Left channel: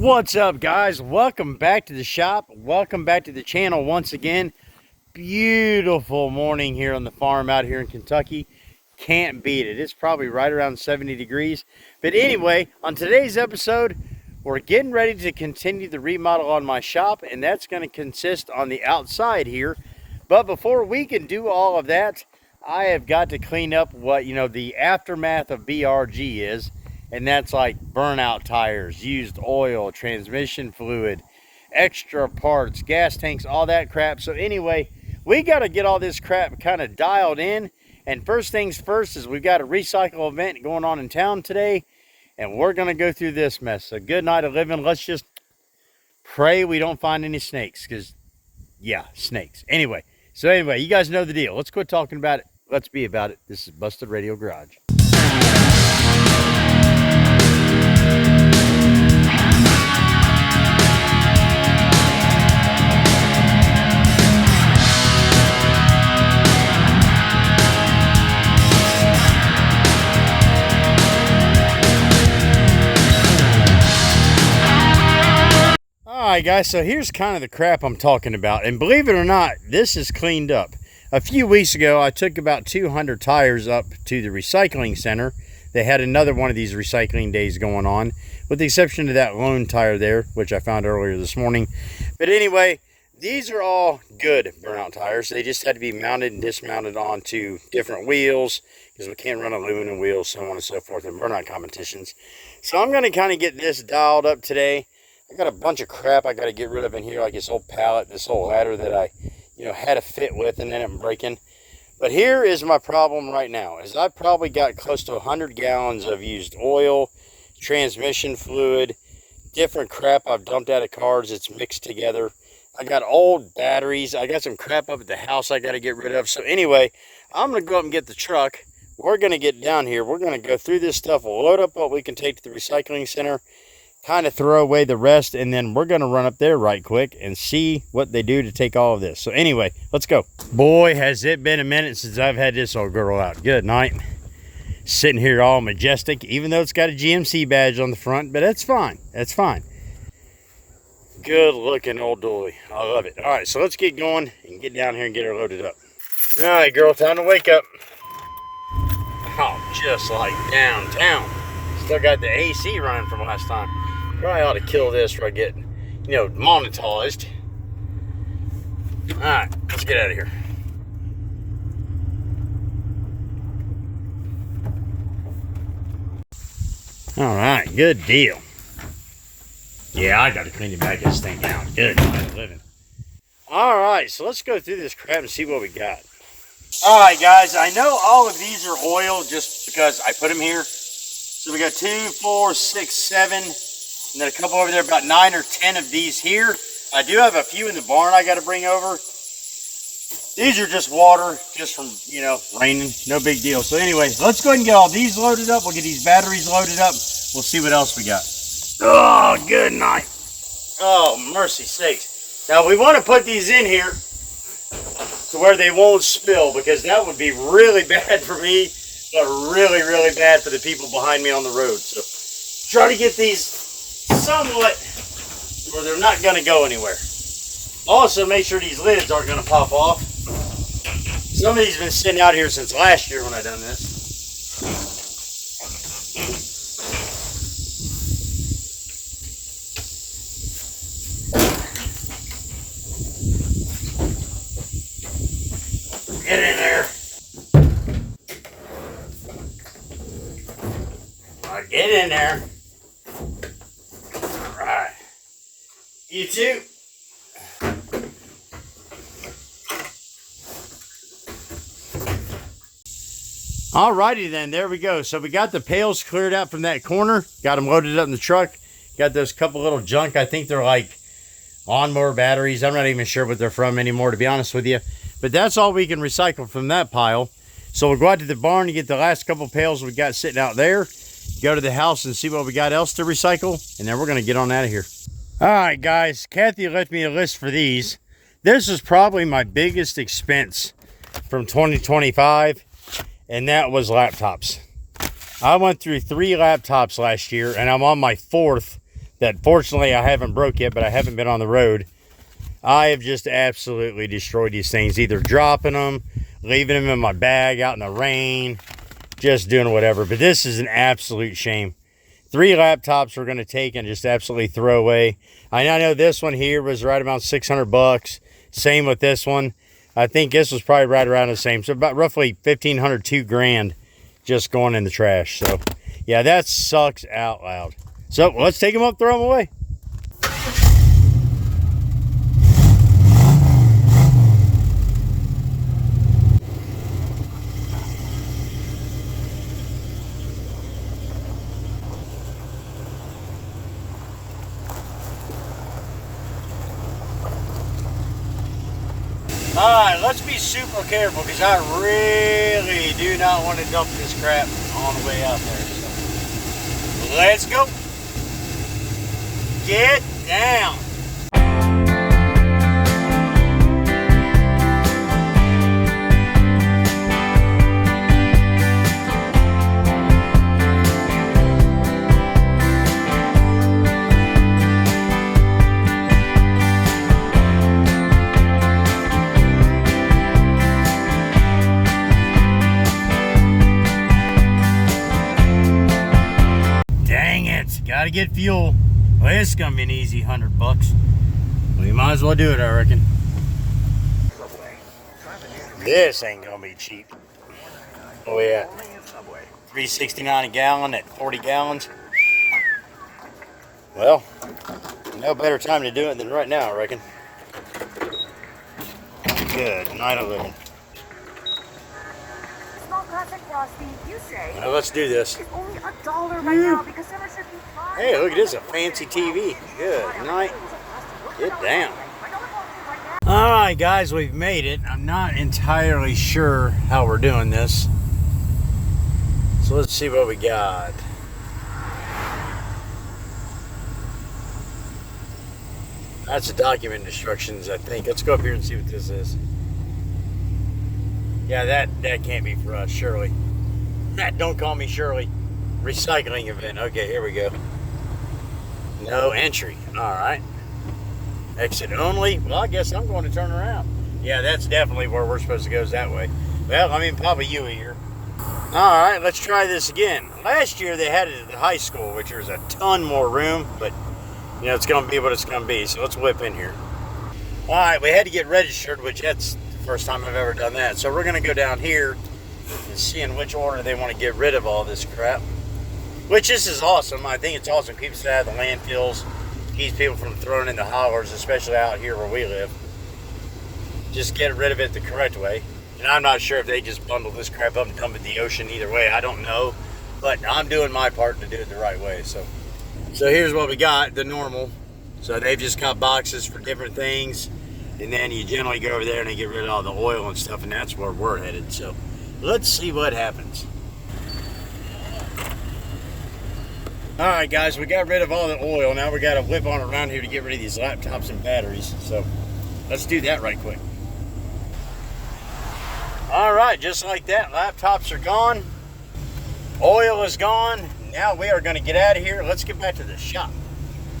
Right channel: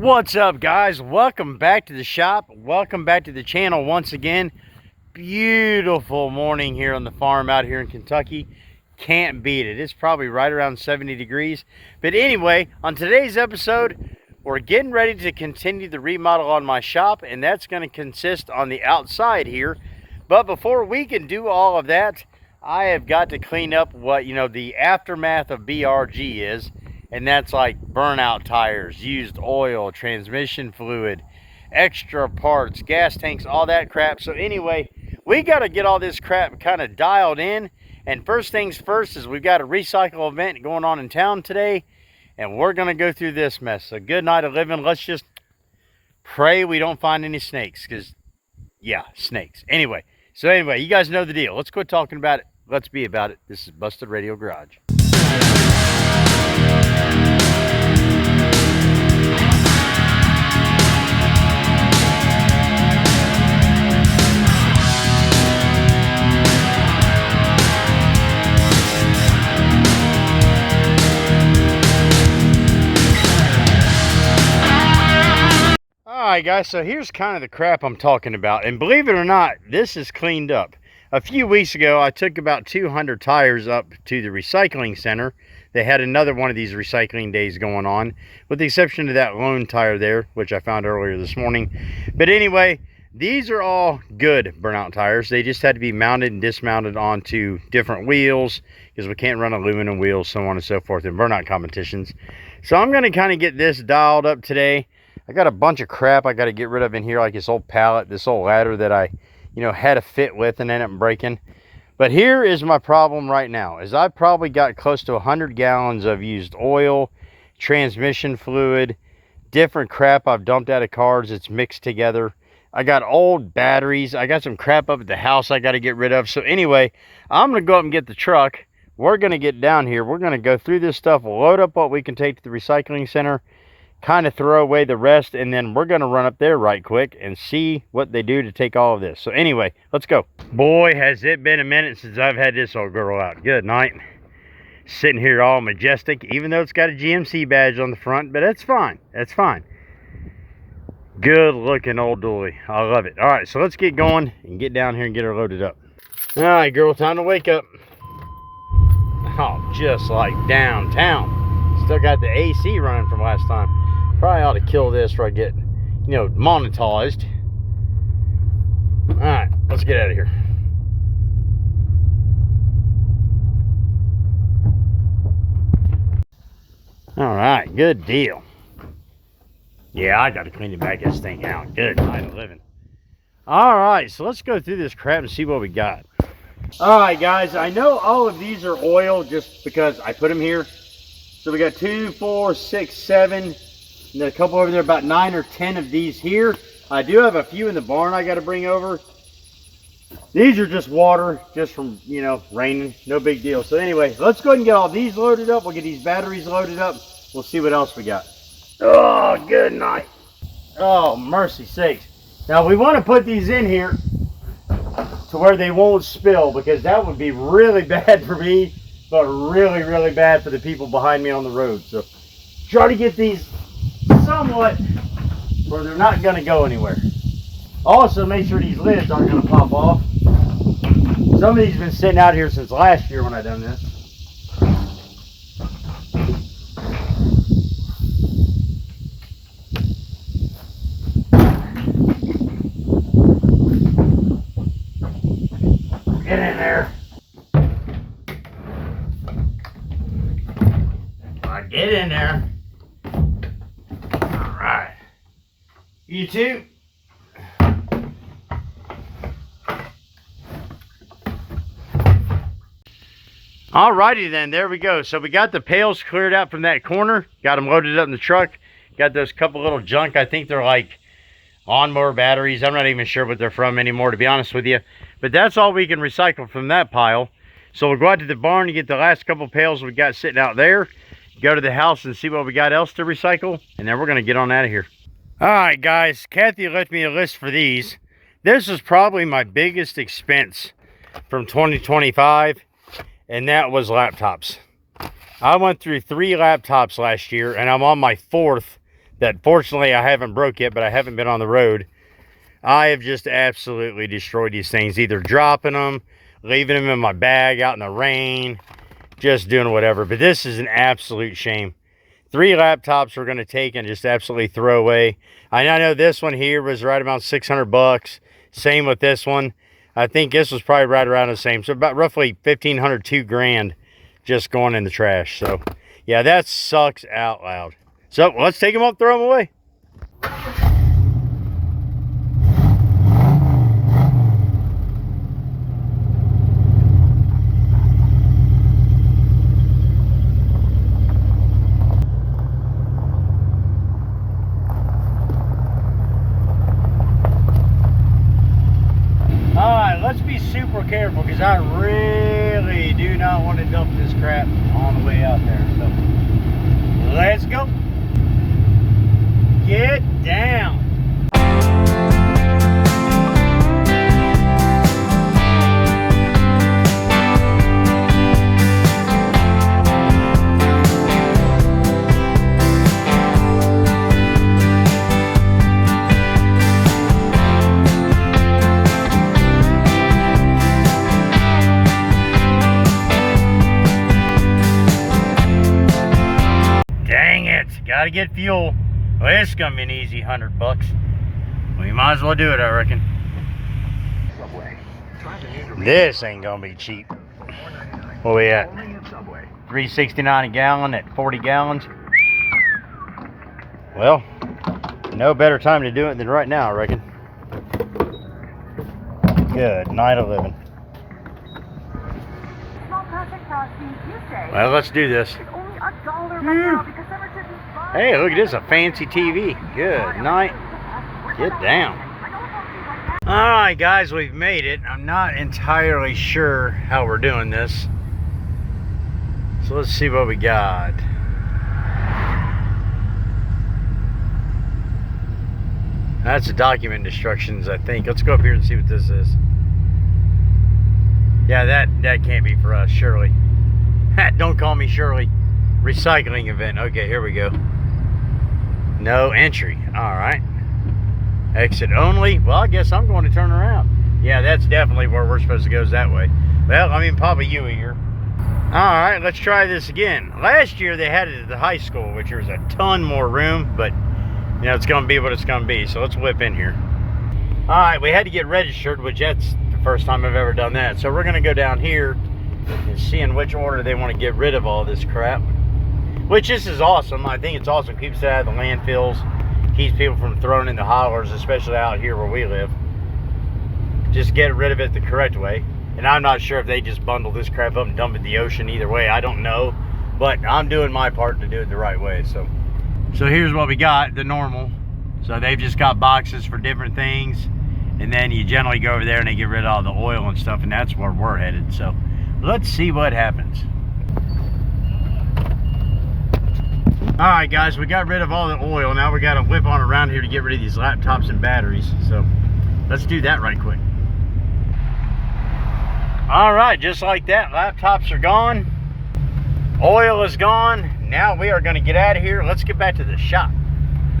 What's up, guys? Welcome back to the shop. Welcome back to the channel once again. Beautiful morning here on the farm out here in Kentucky. Can't beat it. It's probably right around 70 degrees. But anyway, on today's episode, we're getting ready to continue the remodel on my shop, and that's going to consist on the outside here. But before we can do all of that, I have got to clean up what, the aftermath of BRG is. And that's like burnout tires, used oil, transmission fluid, extra parts, gas tanks, all that crap. So anyway, we got to get all this crap kind of dialed in. And first things first is we've got a recycle event going on in town today. And we're going to go through this mess. So good night of living. Let's just pray we don't find any snakes. Because, yeah, snakes. Anyway, you guys know the deal. Let's quit talking about it. Let's be about it. This is Busted Radio Garage. Alright guys, so here's kind of the crap I'm talking about, and believe it or not, this is cleaned up. A few weeks ago I took about 200 tires up to the recycling center. They had another one of these recycling days going on, with the exception of that lone tire there, which I found earlier this morning. But anyway, these are all good burnout tires. They just had to be mounted and dismounted onto different wheels, because we can't run aluminum wheels, so on and so forth, in burnout competitions. So I'm going to kind of get this dialed up today. I got a bunch of crap I got to get rid of in here, like this old pallet, this old ladder that I, had a fit with and ended up breaking. But here is my problem right now, is I probably got close to 100 gallons of used oil, transmission fluid, different crap I've dumped out of cars that's mixed together. I got old batteries. I got some crap up at the house I got to get rid of. So anyway, I'm going to go up and get the truck. We're going to get down here. We're going to go through this stuff, load up what we can take to the recycling center, kind of throw away the rest, and then we're going to run up there right quick and see what they do to take all of this. So anyway, let's go. Boy, has it been a minute since I've had this old girl out. Good night. Sitting here all majestic, even though it's got a GMC badge on the front, but that's fine. That's fine. Good looking old dually. I love it. All right, so let's get going and get down here and get her loaded up. All right, girl, time to wake up. Oh, just like downtown. Still got the AC running from last time. Probably ought to kill this before I get, monetized. Alright, let's get out of here. Alright, good deal. Yeah, I got to clean the back of this thing out. Good night of living. Alright, so let's go through this crap and see what we got. Alright, guys, I know all of these are oil just because I put them here. So we got 2, 4, 6, 7, and then a couple over there, about 9 or 10 of these here. I do have a few in the barn I got to bring over. These are just water, just from, raining. No big deal. So anyway, let's go ahead and get all these loaded up. We'll get these batteries loaded up. We'll see what else we got. Oh, good night. Oh, mercy sakes. Now, we want to put these in here to where they won't spill, because that would be really bad for me, but really, really bad for the people behind me on the road. So try to get these somewhat where they're not going to go anywhere. Also, make sure these lids aren't going to pop off. Some of these have been sitting out here since last year when I done this. Get in there. Get in there. All right. You too. Alrighty then, there we go. So we got the pails cleared out from that corner. Got them loaded up in the truck. Got those couple little junk. I think they're like lawnmower batteries. I'm not even sure what they're from anymore, to be honest with you. But that's all we can recycle from that pile. So we'll go out to the barn and get the last couple pails we got sitting out there. Go to the house and see what we got else to recycle. And then we're going to get on out of here. Alright guys, Kathy left me a list for these. This is probably my biggest expense from 2025. And that was laptops. I went through 3 laptops last year, and I'm on my 4th that fortunately I haven't broke yet, but I haven't been on the road. I have just absolutely destroyed these things, either dropping them, leaving them in my bag out in the rain, just doing whatever. But this is an absolute shame. 3 laptops we're going to take and just absolutely throw away. I know this one here was right about 600 bucks. Same with this one. I think this was probably right around the same. So about roughly 1,500, 2 grand just going in the trash. So yeah, that sucks out loud. So let's take them up, throw them away. Alright, let's be super careful because I really do not want to dump this crap on the way out there. So let's go. Get down. Gotta get fuel. Well, it's gonna be an easy 100 bucks. Well, you might as well do it, I reckon. This ain't gonna be cheap. What we at? $3.69 a gallon at 40 gallons. Well, no better time to do it than right now, I reckon. Good night of living. Well, let's do this. Hey, look at this, a fancy TV. Good night. Get down. Alright guys, we've made it. I'm not entirely sure how we're doing this. So let's see what we got. That's the document instructions, I think. Let's go up here and see what this is. Yeah, that can't be for us, Shirley. Don't call me Shirley. Recycling event. Okay, here we go. No entry. Alright. Exit only. Well, I guess I'm going to turn around. Yeah, that's definitely where we're supposed to go, is that way. Well, I mean, Papa Yui here. Alright, let's try this again. Last year they had it at the high school, which there's a ton more room, but, you know, it's going to be what it's going to be. So let's whip in here. Alright, we had to get registered, which that's the first time I've ever done that. So we're going to go down here and see in which order they want to get rid of all this crap. Which this is awesome. I think it's awesome. Keeps it out of the landfills. Keeps people from throwing in the hollers, especially out here where we live. Just get rid of it the correct way. And I'm not sure if they just bundle this crap up and dump it in the ocean. Either way, I don't know. But I'm doing my part to do it the right way. So here's what we got, the normal. So they've just got boxes for different things. And then you generally go over there and they get rid of all the oil and stuff. And that's where we're headed. So let's see what happens. Alright guys, we got rid of all the oil. Now we got to whip on around here to get rid of these laptops and batteries. So let's do that right quick. Alright, just like that, laptops are gone. Oil is gone. Now we are going to get out of here. Let's get back to the shop.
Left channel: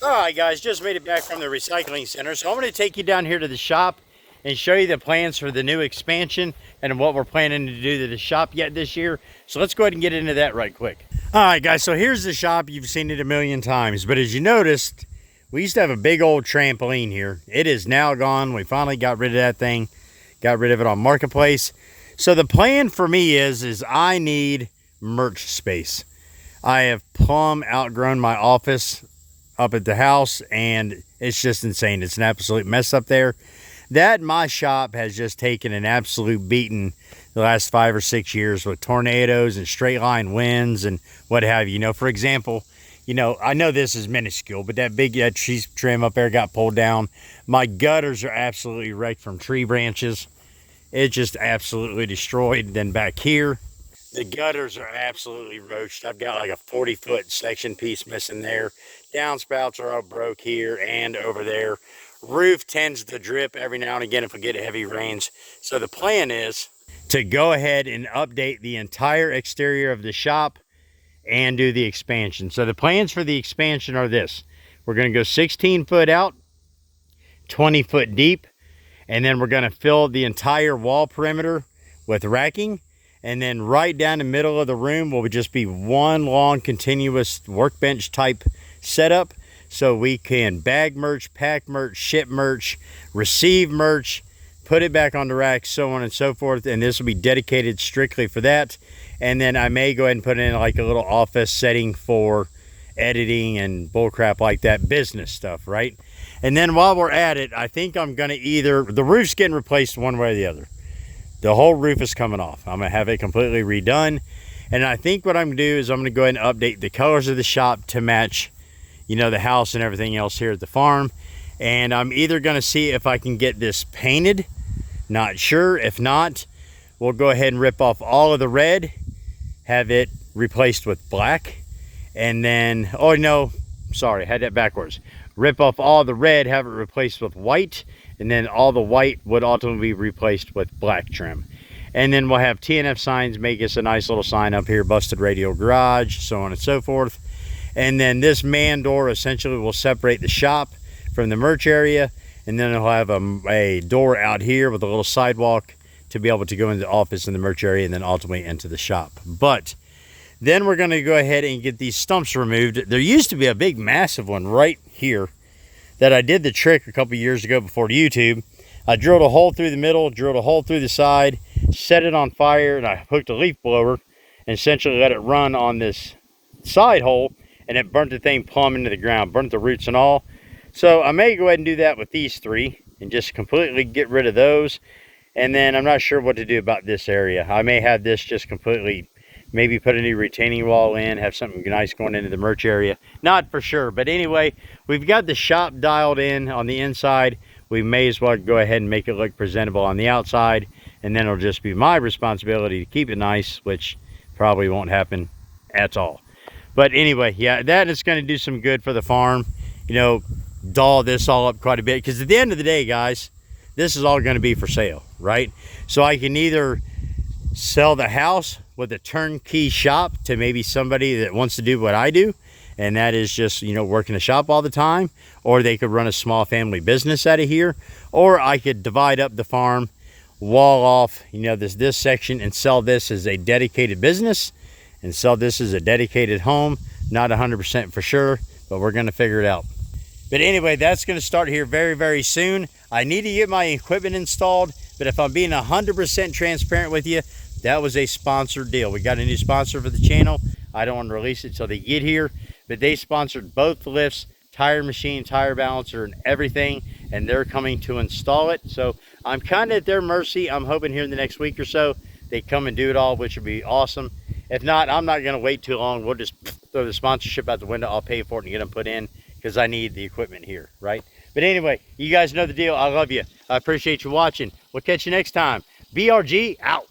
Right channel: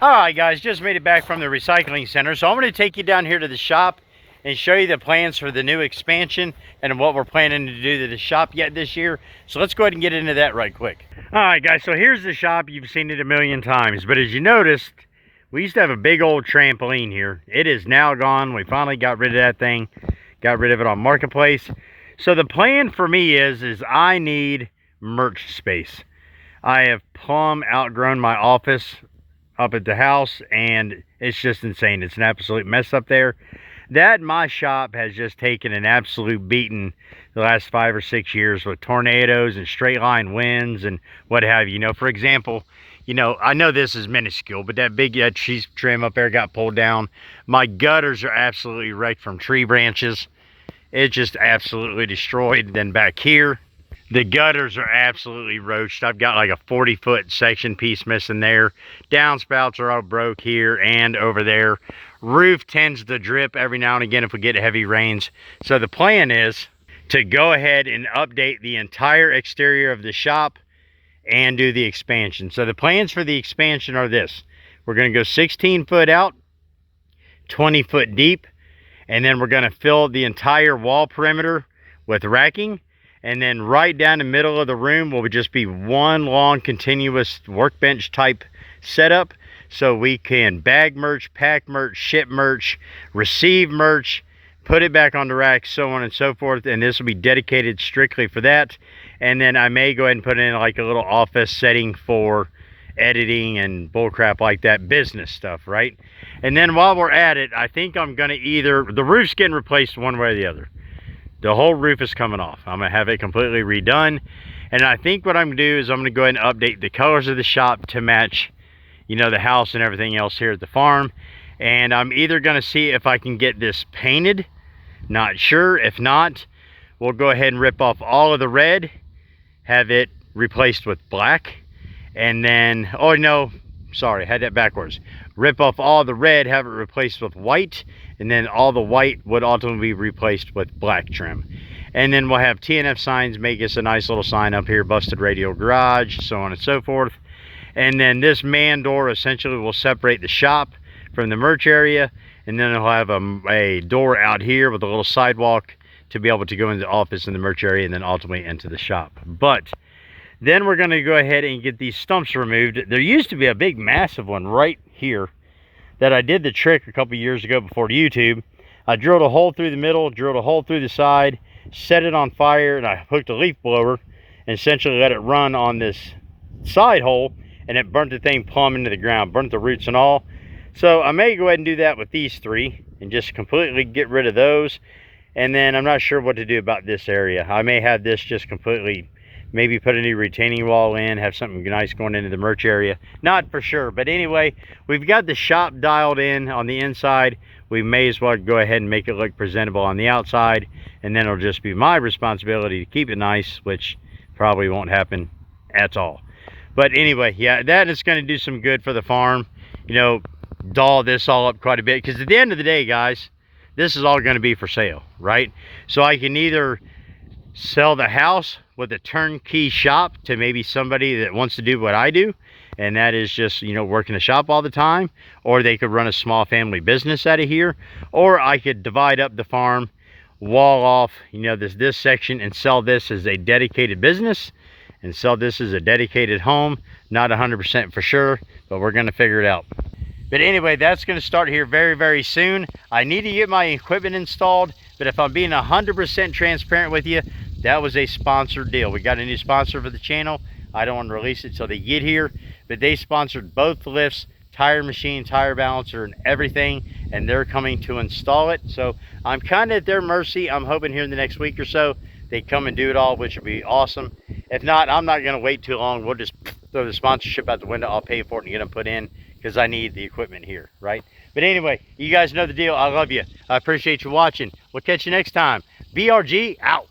Alright guys, just made it back from the recycling center. So I'm going to take you down here to the shop and show you the plans for the new expansion and what we're planning to do to the shop yet this year. So let's go ahead and get into that right quick. Alright guys, so here's the shop. You've seen it a million times, but as you noticed, we used to have a big old trampoline here. It is now gone. We finally got rid of that thing. Got rid of it on Marketplace. So the plan for me is I need merch space. I have plumb outgrown my office up at the house, and it's just insane. It's an absolute mess up there. That my shop has just taken an absolute beating the last 5 or 6 years with tornadoes and straight line winds and what have you. You know, for example, you know, I know this is minuscule, but that cheese trim up there got pulled down. My gutters are absolutely wrecked from tree branches. It just absolutely destroyed. Then back here, the gutters are absolutely roached. I've got like a 40-foot section piece missing there. Downspouts are all broke here and over there. Roof tends to drip every now and again if we get heavy rains. So the plan is to go ahead and update the entire exterior of the shop and do the expansion. So the plans for the expansion are this. We're going to go 16 foot out, 20 foot deep, and then we're going to fill the entire wall perimeter with racking. And then right down the middle of the room will just be one long continuous workbench type setup. So we can bag merch, pack merch, ship merch, receive merch, put it back on the rack, so on and so forth. And this will be dedicated strictly for that. And then I may go ahead and put in like a little office setting for editing and bullcrap like that, business stuff, right? And then while we're at it, I think I'm gonna the roof's getting replaced one way or the other. The whole roof is coming off. I'm gonna have it completely redone. And I think what I'm gonna do is I'm gonna go ahead and update the colors of the shop to match, you know, the house and everything else here at the farm. And I'm either gonna see if I can get this painted, not sure. If not, we'll go ahead and rip off all of the red, have it replaced with black. And then, oh no, sorry, I had that backwards. Rip off all the red, have it replaced with white, and then all the white would ultimately be replaced with black trim. And then we'll have TNF signs, make us a nice little sign up here, Busted Radio Garage, so on and so forth. And then this man door essentially will separate the shop from the merch area, and then it'll have a door out here with a little sidewalk to be able to go into the office in the merch area and then ultimately into the shop. But then we're going to go ahead and get these stumps removed. There used to be a big massive one right here that I did the trick a couple years ago before YouTube. I drilled a hole through the middle, drilled a hole through the side, set it on fire, and I hooked a leaf blower and essentially let it run on this side hole, and it burnt the thing plumb into the ground, burnt the roots and all. So I may go ahead and do that with these three and just completely get rid of those. And then I'm not sure what to do about this area. I may have this just completely, maybe put a new retaining wall in, have something nice going into the merch area. Not for sure, but anyway, we've got the shop dialed in on the inside. We may as well go ahead and make it look presentable on the outside, and then it'll just be my responsibility to keep it nice, which probably won't happen at all. But anyway, yeah, that is going to do some good for the farm. You know, doll this all up quite a bit, because at the end of the day, guys, this is all going to be for sale, right? So I can either sell the house with a turnkey shop to maybe somebody that wants to do what I do, and that is just, you know, working a shop all the time, or they could run a small family business out of here, or I could divide up the farm, wall off, you know, this section, and sell this as a dedicated business and sell this as a dedicated home. Not 100% for sure, but we're going to figure it out. But anyway, that's going to start here very, very soon. I need to get my equipment installed, but if I'm being 100% transparent with you, that was a sponsored deal. We got a new sponsor for the channel. I don't want to release it till they get here, but they sponsored both the lifts, tire machine, tire balancer, and everything, and they're coming to install it. So I'm kind of at their mercy. I'm hoping here in the next week or so they come and do it all, which would be awesome. If not, I'm not going to wait too long. We'll just throw the sponsorship out the window. I'll pay for it and get them put in, because I need the equipment here, right? But anyway, you guys know the deal. I love you. I appreciate you watching. We'll catch you next time. BRG out.